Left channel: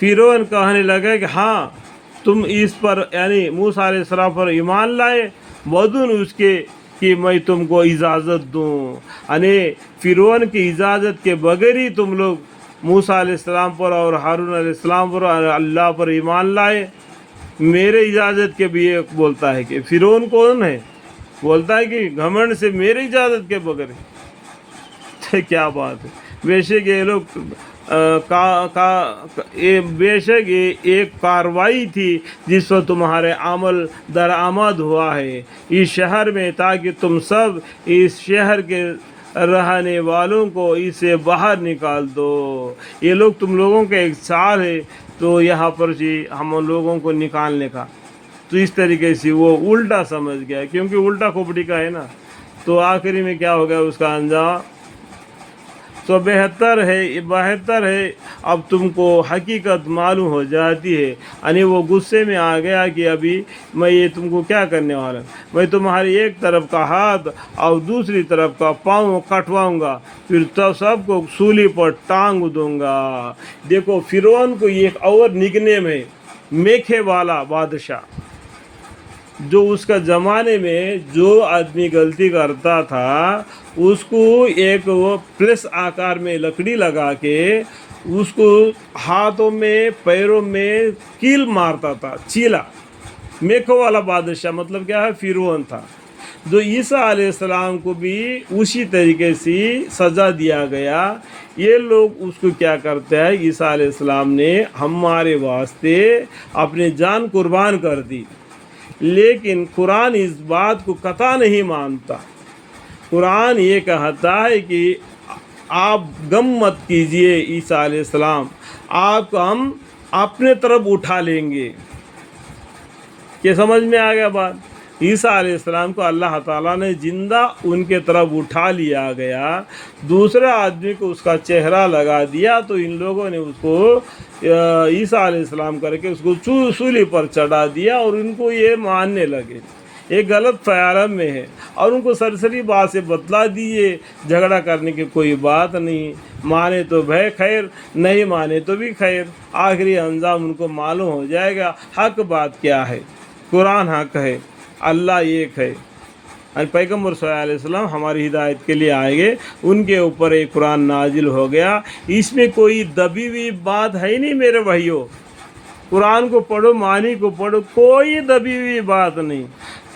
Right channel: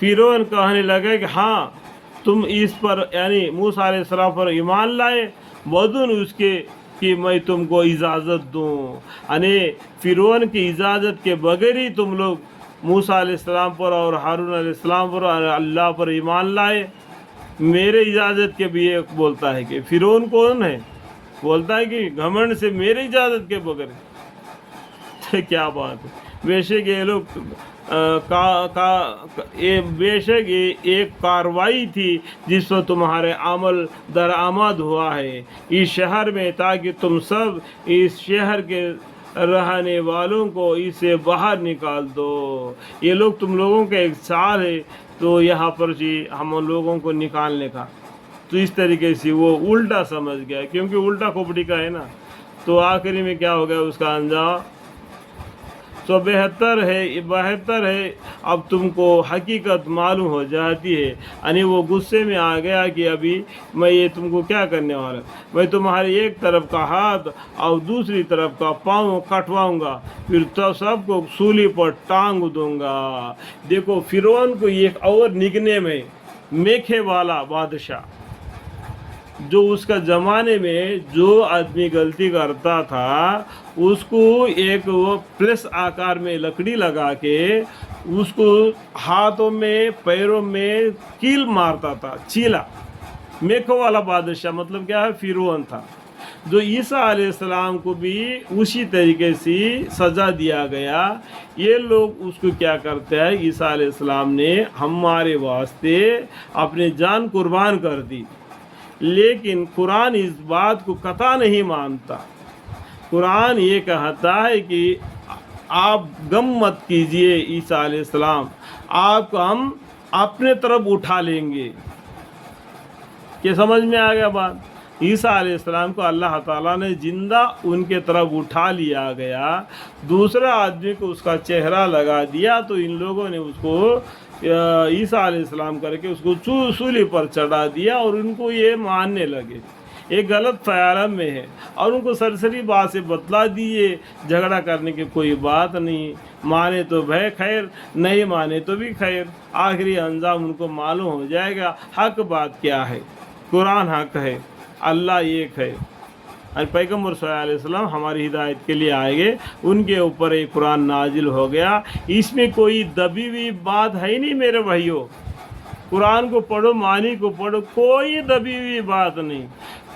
फिरौन कहने लगा कि हाँ तुम इस पर यानी मूसा अलैहि सलाम पर ईमान लाए बदून उसके कि मैं तुमको इजाज़त दूँ, यानी फिरौन की इजाज़त के बगैर ही तुम लोग मूसा अलैहि सलाम पर और हारून अलैहि सलाम पर और अल्लाह पर ईमान लाए। मेरे इजाज़त के भी एक बोलता है कि फिरौन कौन है, बोलता है कि घमंड से मेरे इजाज़त के बगैर। तो क्या बात है। बेशक ये लोग ये बेशक ये एक कार्रवाई थी जिस पर तुम्हारे अमल दरामद हुआ है इस शहर में, ताकि तुम सब इस शहर के रहने वालों को इससे बाहर निकाल दो। ये लोग तुम लोगों का एक चाल है तो यहाँ पर जी हम लोगों को निकालने का। तो इस तरीके से वो उल्टा समझ गया, क्योंकि उल्टा खोपड़ी का है ना। तो आखिरी में क्या हो गया उसका अंजाम। तो बेहतर है अब तुमको हकीकत मालूम हो जाती है, यानी वो गुस्से में आ गया कि अभी मैं ये तुमको क्या करने वाला, मैं तुम्हारी एक तरफ का हाथ और दूसरी तरफ का पाँव कटवाऊंगा, फिर तो सबको सूली पर टांग दूंगा। देखो फिरौन को एक और निकनेम है मेखे वाला बादशाह। जो उसका ज़माने में जो आदमी गलती करता था उसको एक वो प्लस आकार में लकड़ी लगा के उसको हाथों में पैरों में कील मारता था, चीला। मेखो वाला बादशाह मतलब क्या है, फिरौन था। जो ईसा अलैहिस्सलाम को भी उसी तरीके से सज़ा दिया गया। ये लोग उसको क्या करते हैं, ईसा अलैहिस्सलाम ने हमारे वास्ते अपनी जान कुर्बान कर दी, लेकिन कुरान इस बात को कतई नहीं मानता। कुरान ये कहता है कि आप गम मत कीजिए ईसा अलैहिस्सलाम, आपको हम अपने तरफ उठा लेंगे। क्या समझ में आ गया बात। ईसा अलैहिस्सलाम को अल्लाह ताला ने जिंदा उनके तरफ उठा लिया गया, दूसरे आदमी को उसका चेहरा लगा दिया, तो इन लोगों ने उसको ईसा अलैहिस्सलाम करके उसको सूली पर चढ़ा दिया और उनको ये मानने लगे। ये गलत ख्याल में है और उनको सरसरी बात से बतला दिए, झगड़ा करने की कोई बात नहीं, माने तो भय खैर, नहीं माने तो भी खैर, आखिरी अंजाम उनको मालूम हो जाएगा। हक बात क्या है, कुरान हक है, अल्लाह एक है और पैगम्बर सल्लल्लाहु अलैहि वसल्लम हमारी हिदायत के लिए आएंगे, उनके ऊपर एक कुरान नाजिल हो गया। इसमें कोई दबी हुई बात है नहीं मेरे भाइयों। कुरान को पढ़ो, मानी को पढ़ो, कोई दबी हुई बात नहीं।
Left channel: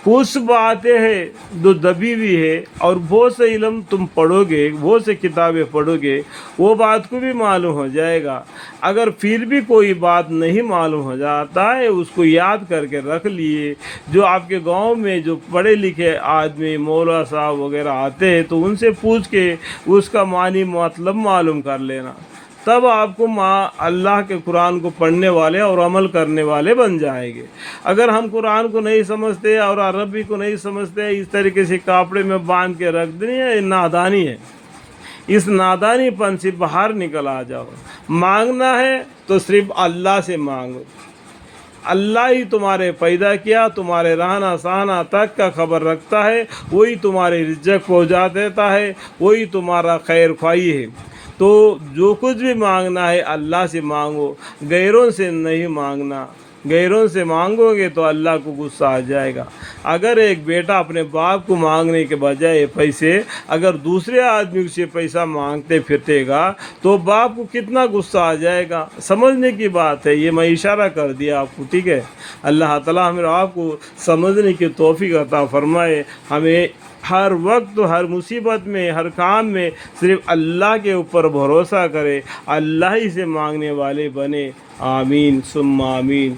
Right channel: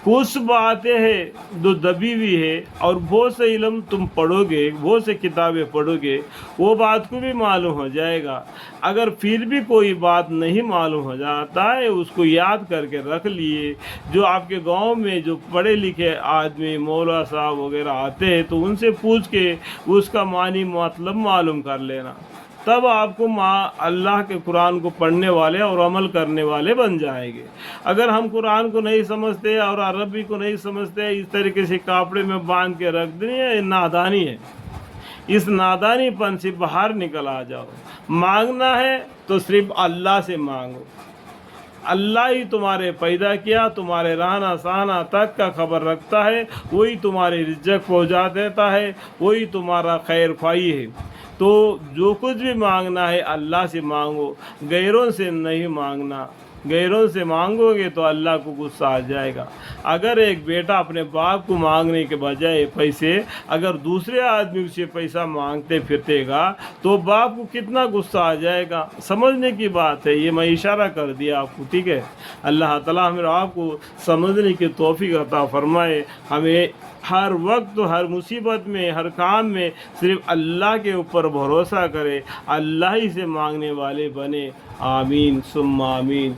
कुछ बातें हैं जो दबी हुई है और बहुत से इल्म तुम पढ़ोगे, बहुत से किताबें पढ़ोगे, वो बात को भी मालूम हो जाएगा। अगर फिर भी कोई बात नहीं मालूम हो जाता है, उसको याद करके रख लिए। जो आपके गांव में जो पढ़े लिखे आदमी मौला साहब वगैरह आते हैं तो उनसे पूछ के उसका मानी मतलब मालूम कर लेना, तब आपको अल्लाह के कुरान को पढ़ने वाले और अमल करने वाले बन जाएंगे। अगर हम कुरान को नहीं समझते और अरबी को नहीं समझते, इस तरीके से कापड़े में बांध के रख देनी है, नादानी है। इस नादानीपन से बाहर निकल आ जाओ। मांगना है तो सिर्फ अल्लाह से मांगो। अल्लाह ही तुम्हारे पैदा किया, तुम्हारे रहना सहना तक का खबर रखता है, वही तुम्हारे रिज़्क़ पहुँचा देता है, वही तुम्हारा खैर ख्वाही है। तो जो कुछ भी मांगना है अल्लाह से मांगो, गैरों से नहीं मांगना। गैरों से मांगोगे तो अल्लाह को गुस्सा आ जाएगा। अगर एक बेटा अपने बाप को मांगने के बजाय पैसे अगर दूसरे आदमी से पैसा मांगते फिरतेगा तो बाप को कितना गुस्सा आ जाएगा। समझने की बात है, ये मैं इशारा कर दिया आपको, ठीक है। अल्लाह ताला हमें आपको समझने की तौफीक अता फरमाए। हमें हर वक्त हर मुसीबत में हर काम में सिर्फ अल्लाह के ऊपर भरोसा करे, अल्लाह ही से मांगने वाले बने। आमीन सुम्मा आमीन।